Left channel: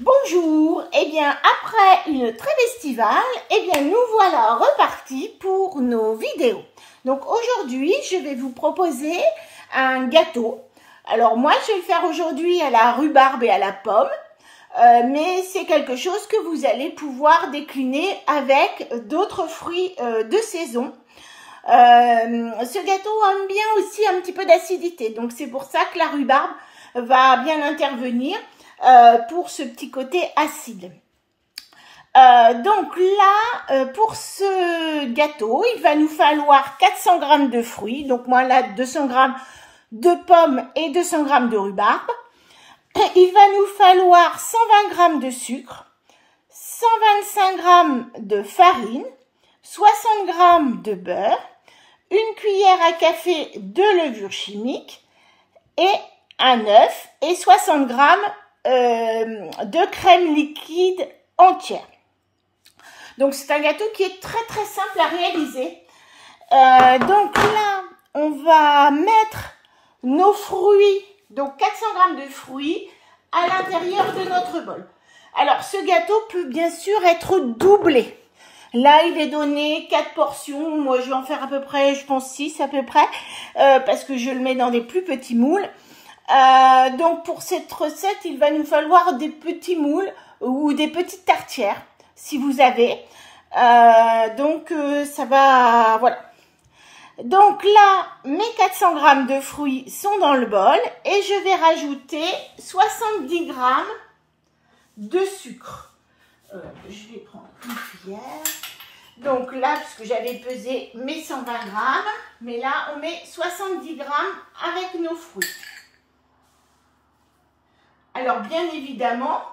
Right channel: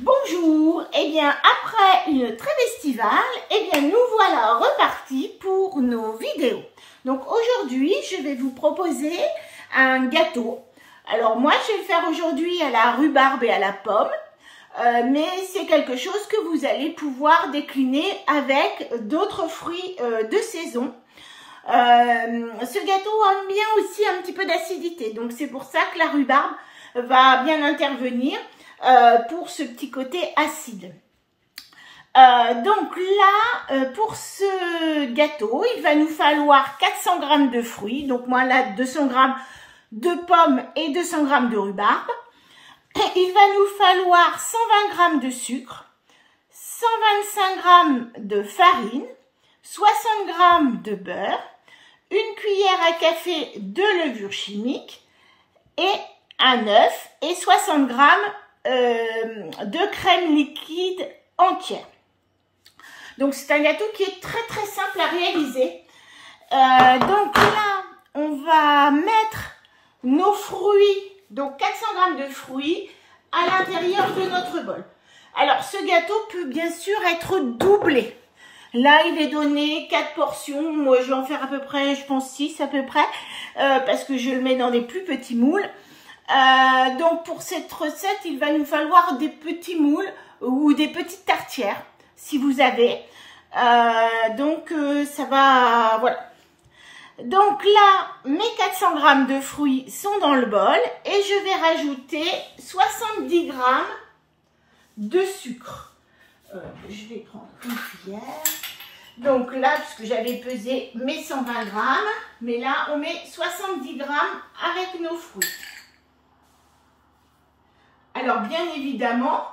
Bonjour, eh bien après une trêve estivale, eh bien nous voilà repartis pour nos vidéos. Donc aujourd'hui, je vais vous proposer un gâteau. Alors moi, je vais le faire aujourd'hui à la rhubarbe et à la pomme, mais c'est quelque chose que vous allez pouvoir décliner avec d'autres fruits de saison. Ce gâteau aime bien aussi un petit peu d'acidité, donc c'est pour ça que la rhubarbe va bien intervenir pour ce petit côté acide. Donc là, pour ce gâteau, il va nous falloir 400 g de fruits. Donc moi là, 200 g de pommes et 200 g de rhubarbe. Il va nous falloir 120 g de sucre, 125 g de farine, 60 g de beurre, une cuillère à café de levure chimique et un œuf et 60 g de crème liquide entière. Donc c'est un gâteau qui est très simple à réaliser. Donc là, on va mettre nos fruits, donc 400 g de fruits à l'intérieur de notre bol. Alors ce gâteau peut bien sûr être doublé. Là, il est donné 4 portions. Moi, je vais en faire à peu près, je pense 6 à peu près, parce que je le mets dans des plus petits moules. Donc, pour cette recette, il va nous falloir des petits moules ou des petites tartières, si vous avez. Ça va, voilà. Donc là, mes 400 g de fruits sont dans le bol et je vais rajouter 70 g de sucre. Je vais prendre une cuillère. Donc là, puisque j'avais pesé mes 120 g, mais là, on met 70 g avec nos fruits. Alors, bien évidemment,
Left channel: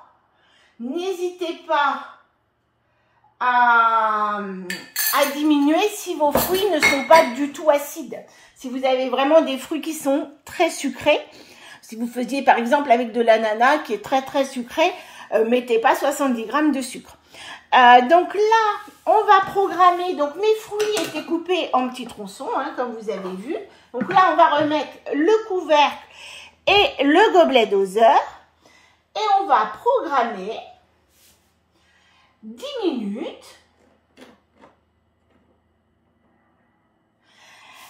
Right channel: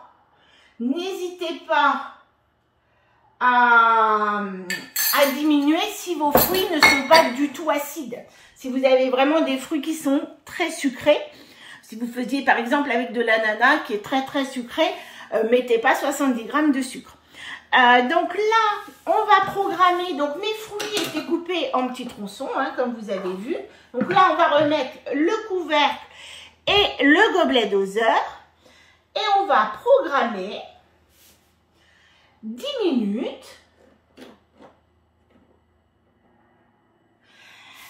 n'hésitez pas à diminuer si vos fruits ne sont pas du tout acides. Si vous avez vraiment des fruits qui sont très sucrés, si vous faisiez par exemple avec de l'ananas qui est très sucré, mettez pas 70 g de sucre. Donc là, on va programmer. Donc mes fruits étaient coupés en petits tronçons, hein, comme vous avez vu. Donc là, on va remettre le couvercle et le gobelet doseur. Et on va programmer 10 minutes.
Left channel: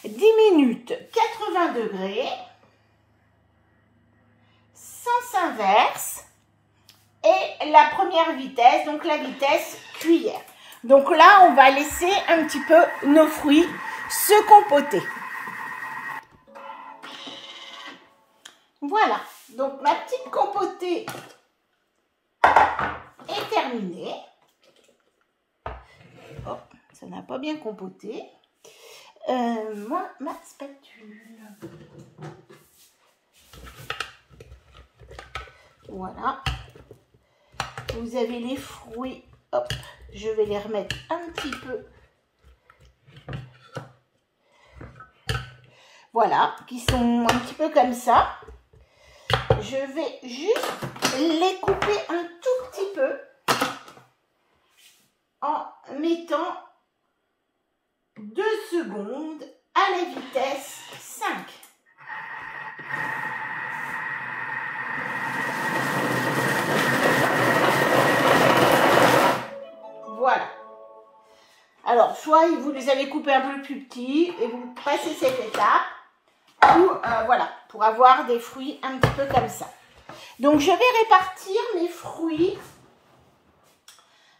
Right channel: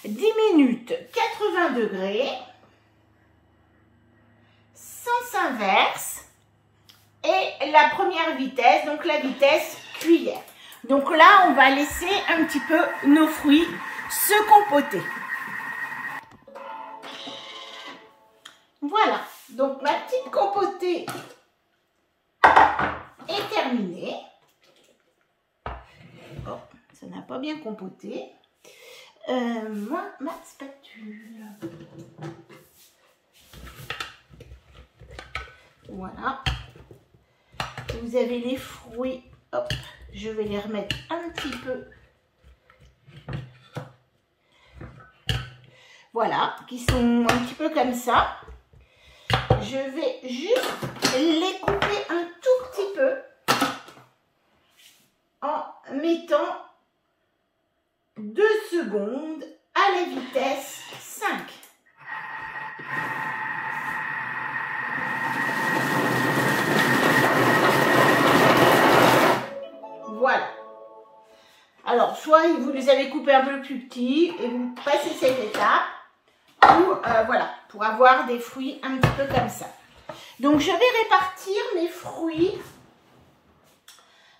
10 minutes 80 degrés, sens inverse. Et la première vitesse, donc la vitesse cuillère. Donc là, on va laisser un petit peu nos fruits se compoter. Voilà, donc ma petite compotée est terminée. Oh, ça n'a pas bien compoté. Moi, ma spatule. Voilà. Vous avez les fruits, hop, je vais les remettre un petit peu, voilà, qui sont un petit peu comme ça. Je vais juste les couper un tout petit peu en mettant 2 secondes à la vitesse 5. Voilà. Alors, soit vous les avez coupés un peu plus petits et vous passez cette étape, ou voilà, pour avoir des fruits un petit peu comme ça. Donc, je vais répartir mes fruits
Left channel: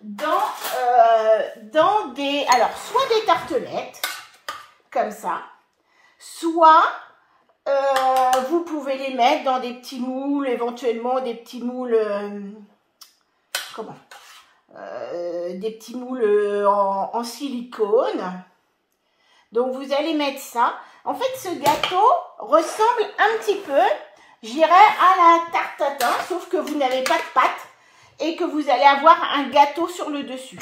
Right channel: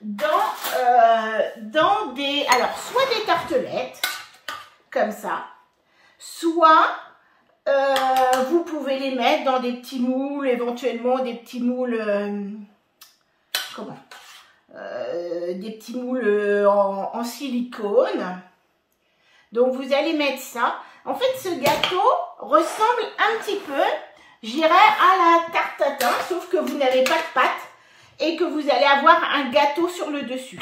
dans des, alors, soit des tartelettes, comme ça, soit vous pouvez les mettre dans des petits moules, éventuellement des petits moules, des petits moules en silicone. Donc vous allez mettre ça. En fait, ce gâteau ressemble un petit peu, je dirais, à la tarte tatin, sauf que vous n'avez pas de pâte et que vous allez avoir un gâteau sur le dessus.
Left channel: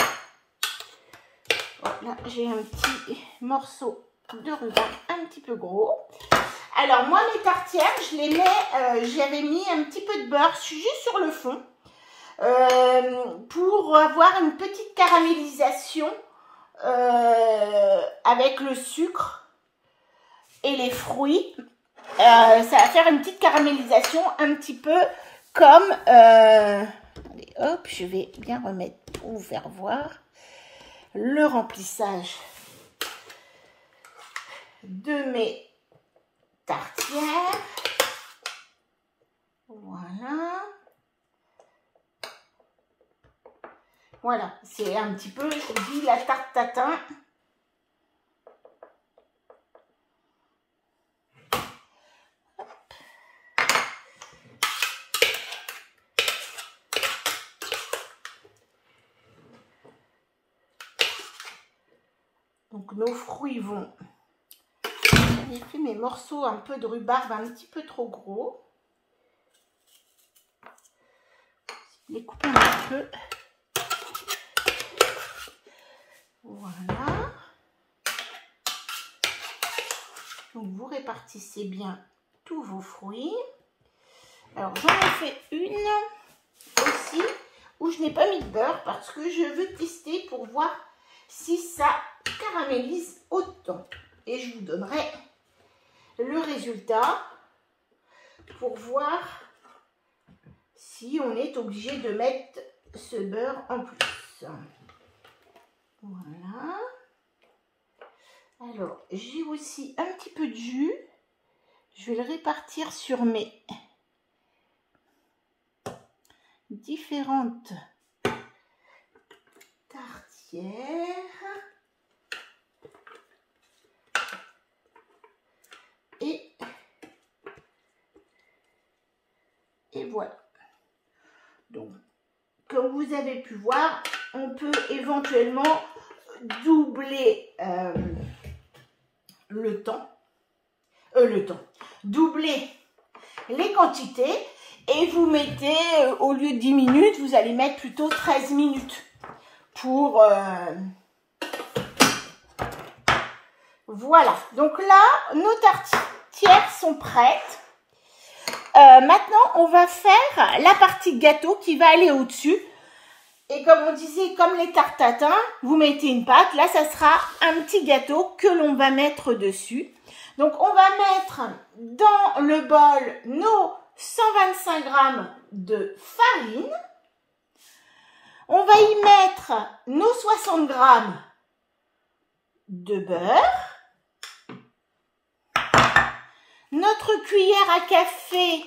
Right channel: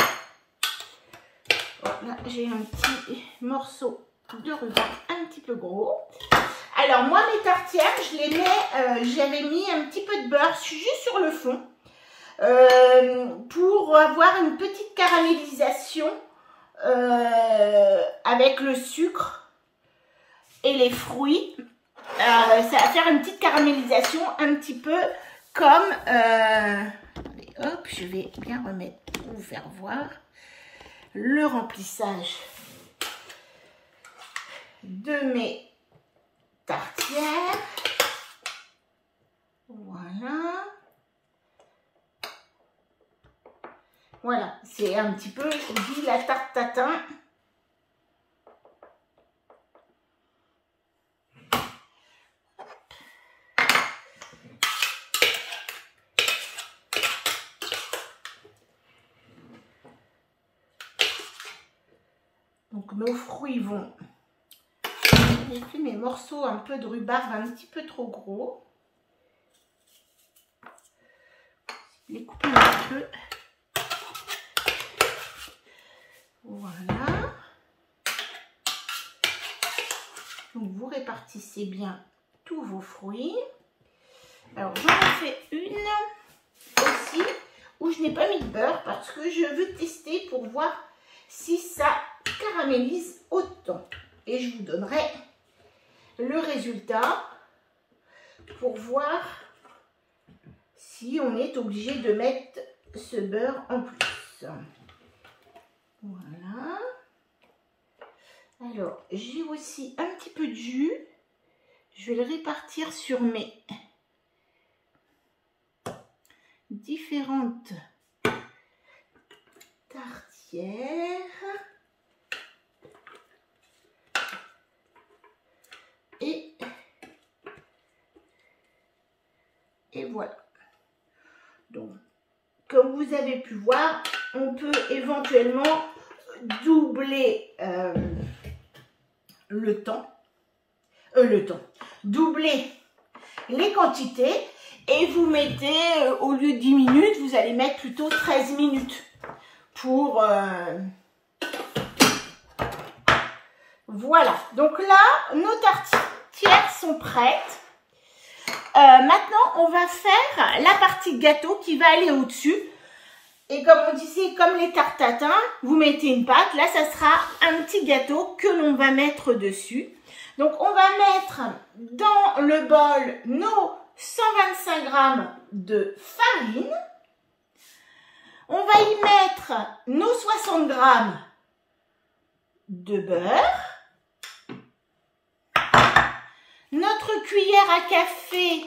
Là, j'ai un petit morceau de ruban un petit peu gros. Alors moi, mes tartières, je les mets, j'avais mis un petit peu de beurre juste sur le fond. Pour avoir une petite caramélisation avec le sucre et les fruits. Ça va faire une petite caramélisation un petit peu comme attendez, hop, je vais bien remettre pour vous faire voir le remplissage de mes tartières. Voilà. Voilà, c'est un petit peu, je vous dis, la tarte tatin. Donc nos fruits vont... J'ai fait mes morceaux un peu de rhubarbe un petit peu trop gros. Je les coupe un petit peu. Voilà. Donc vous répartissez bien tous vos fruits. Alors j'en ai fait une aussi où je n'ai pas mis de beurre parce que je veux tester pour voir si ça caramélise autant. Et je vous donnerai le résultat pour voir si on est obligé de mettre ce beurre en plus. Voilà. Alors, j'ai aussi un petit peu de jus. Je vais le répartir sur mes différentes tartières. Et voilà. Donc, comme vous avez pu voir, on peut éventuellement doubler doubler les quantités et vous mettez, au lieu de 10 minutes, vous allez mettre plutôt 13 minutes pour... Voilà, donc là, nos tartières sont prêtes. Maintenant, on va faire la partie gâteau qui va aller au-dessus. Et comme on disait, comme les tartes tatin, vous mettez une pâte. Là, ça sera un petit gâteau que l'on va mettre dessus. Donc, on va mettre dans le bol nos 125 g de farine. On va y mettre nos 60 g de beurre. Notre cuillère à café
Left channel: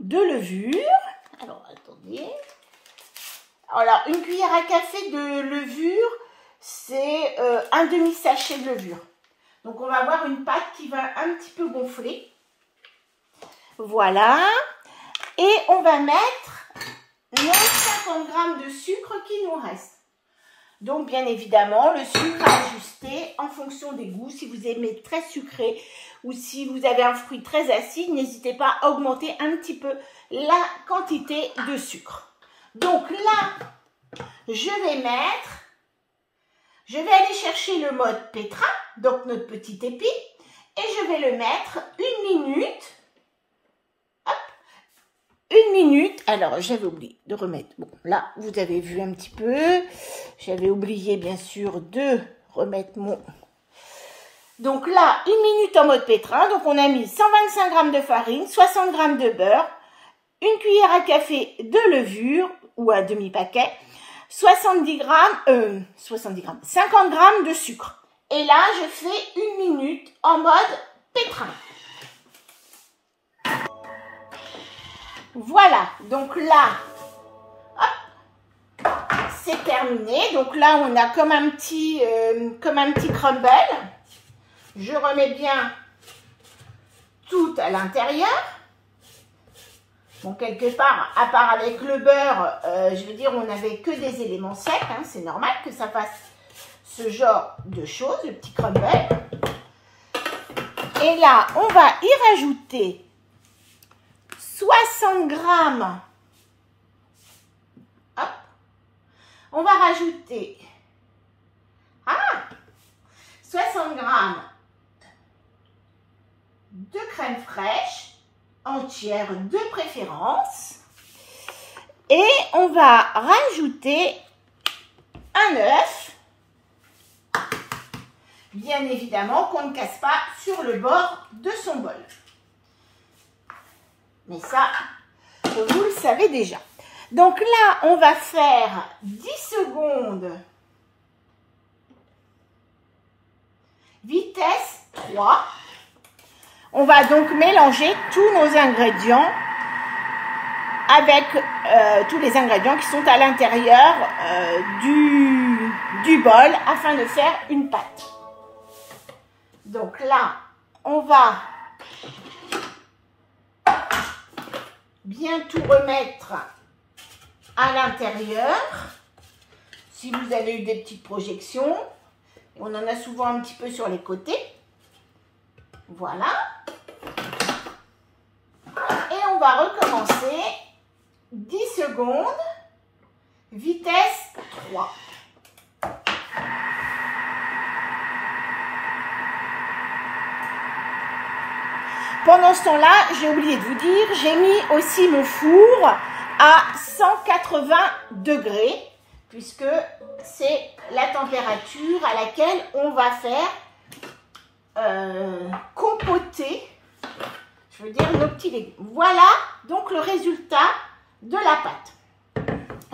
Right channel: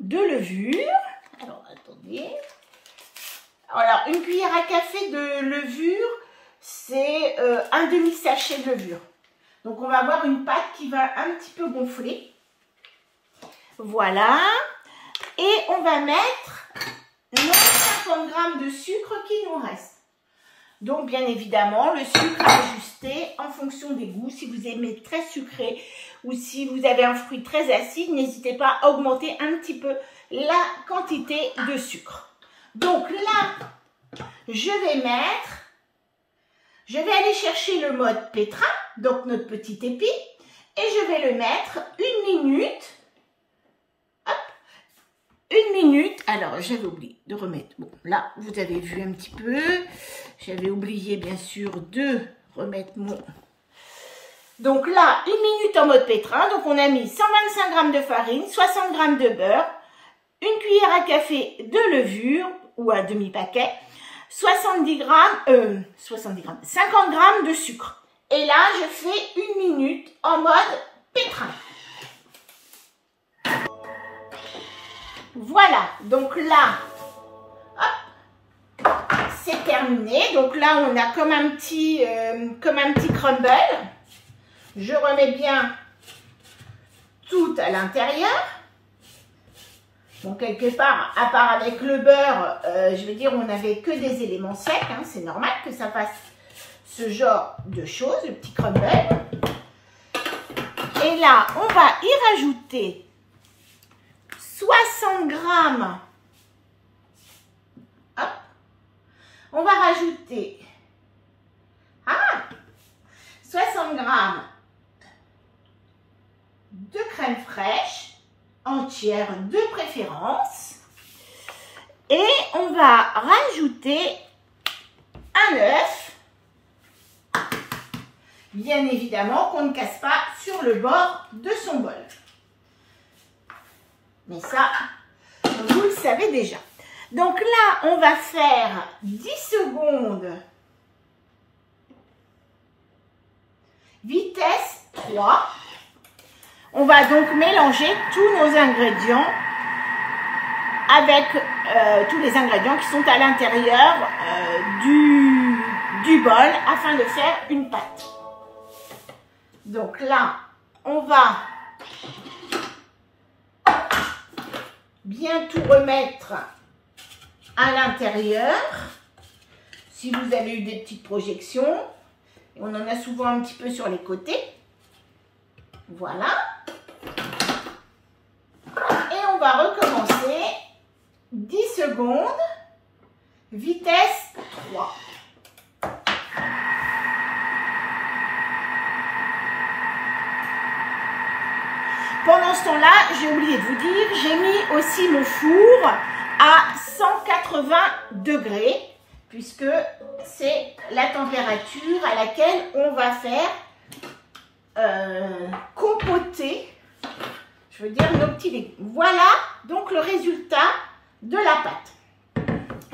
de levure. Alors, attendez. Alors, une cuillère à café de levure, c'est un demi-sachet de levure. Donc, on va avoir une pâte qui va un petit peu gonfler. Voilà. Et on va mettre nos 50 g de sucre qui nous reste. Donc, bien évidemment, le sucre à ajuster en fonction des goûts. Si vous aimez très sucré ou si vous avez un fruit très acide, n'hésitez pas à augmenter un petit peu la quantité de sucre. Donc là, je vais aller chercher le mode pétrin, donc notre petit épi, et je vais le mettre 1 minute. Une minute. Alors, j'avais oublié de remettre. Bon, là, vous avez vu un petit peu. J'avais oublié, bien sûr, de remettre mon... Donc là, 1 minute en mode pétrin. Donc, on a mis 125 g de farine, 60 g de beurre, une cuillère à café de levure ou un demi-paquet, 50 g de sucre. Et là, je fais 1 minute en mode pétrin. Voilà, donc là, c'est terminé. Donc là, on a comme un petit crumble. Je remets bien tout à l'intérieur. Bon, quelque part, à part avec le beurre, je veux dire, on n'avait que des éléments secs. Hein, c'est normal que ça fasse ce genre de choses, le petit crumble. Et là, on va y rajouter 60 g. Hop. On va rajouter 60 g de crème fraîche, entière de préférence. Et on va rajouter un œuf. Bien évidemment qu'on ne casse pas sur le bord de son bol. Mais ça, vous le savez déjà. Donc là, on va faire 10 secondes. Vitesse 3. On va donc mélanger tous nos ingrédients avec tous les ingrédients qui sont à l'intérieur du bol afin de faire une pâte. Donc là, on va bien tout remettre à l'intérieur. Si vous avez eu des petites projections, on en a souvent un petit peu sur les côtés. Voilà. Et on va recommencer 10 secondes, vitesse 3. Pendant ce temps-là, j'ai oublié de vous dire, j'ai mis aussi le four à 180 degrés, puisque c'est la température à laquelle on va faire compoter, je veux dire, nos petits légumes. Voilà donc le résultat de la pâte.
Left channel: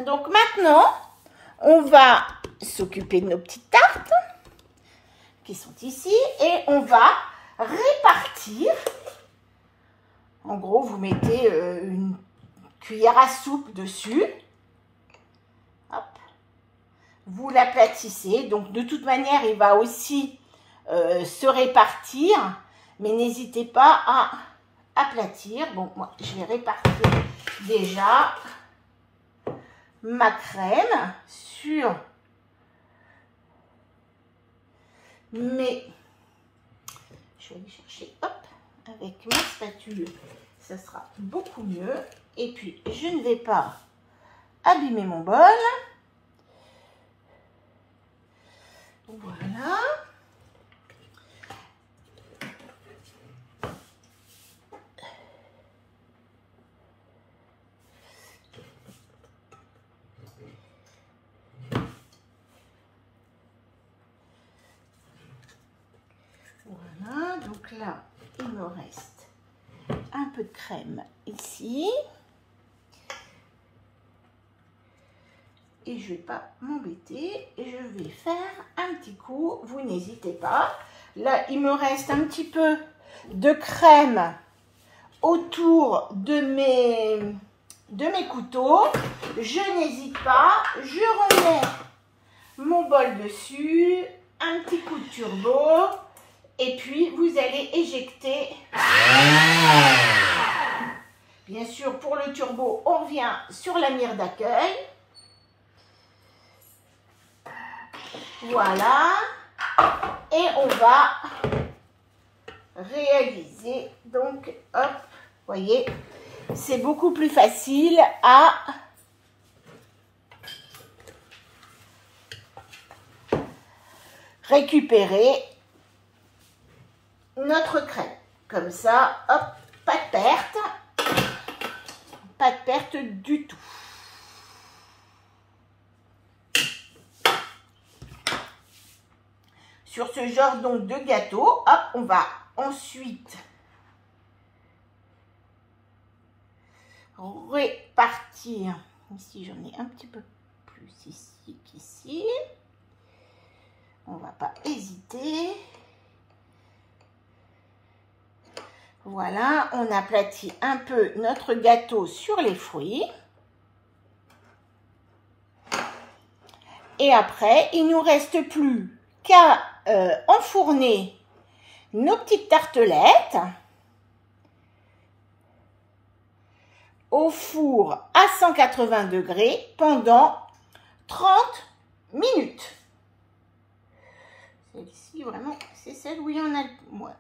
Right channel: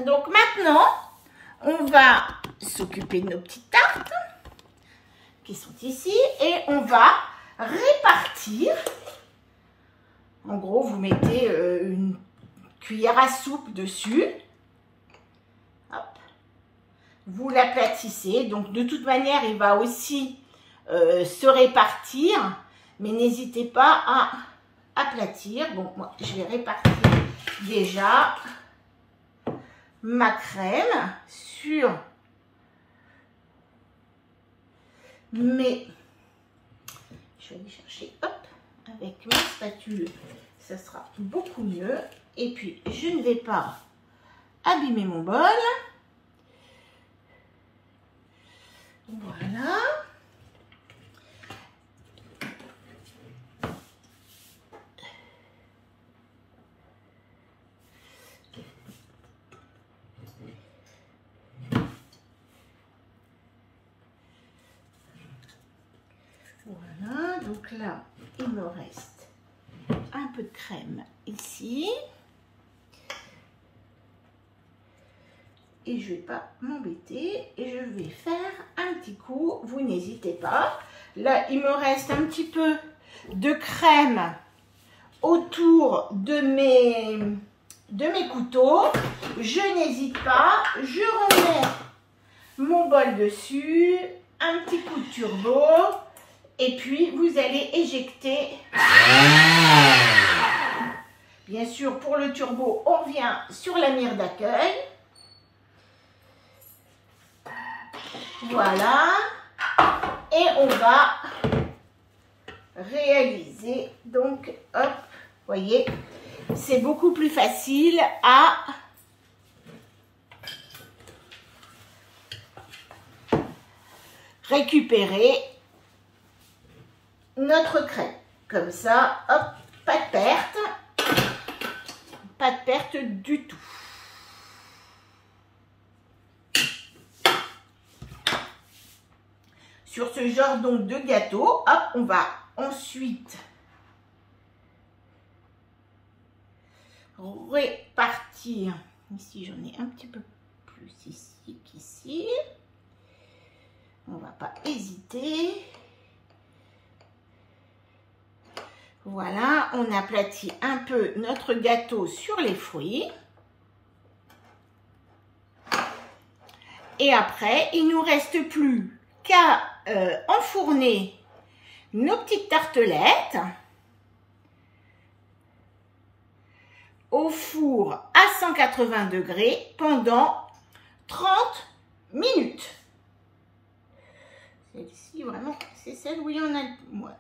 Donc maintenant, on va s'occuper de nos petites tartes qui sont ici et on va répartir. En gros, vous mettez une cuillère à soupe dessus. Hop. Vous l'aplatissez. Donc, de toute manière, il va aussi se répartir. Mais n'hésitez pas à aplatir. Bon, moi, je vais répartir déjà ma crème sur mes... Je vais aller chercher, hop, avec ma spatule, ça sera beaucoup mieux. Et puis, je ne vais pas abîmer mon bol. Voilà. Voilà, donc là, il me reste un peu de crème ici. Et je ne vais pas m'embêter et je vais faire un petit coup, vous n'hésitez pas. Là, il me reste un petit peu de crème autour de mes couteaux. Je n'hésite pas, je remets mon bol dessus, un petit coup de turbo. Et puis, vous allez éjecter. Bien sûr, pour le turbo, on revient sur la mire d'accueil. Voilà. Et on va réaliser. Donc, hop, vous voyez, c'est beaucoup plus facile à récupérer notre crème. Comme ça, hop, pas de perte. Pas de perte du tout. Sur ce genre donc de gâteau, hop, on va ensuite répartir. Ici, j'en ai un petit peu plus ici qu'ici. On ne va pas hésiter. Voilà, on aplatit un peu notre gâteau sur les fruits. Et après, il ne nous reste plus qu'à enfourner nos petites tartelettes au four à 180 degrés pendant 30 minutes. Celle-ci, vraiment, c'est celle où il y en a le moins.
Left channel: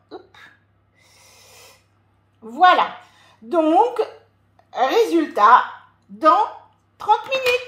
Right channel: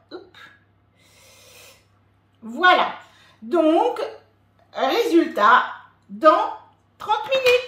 Voilà, donc, résultat, dans 30 minutes.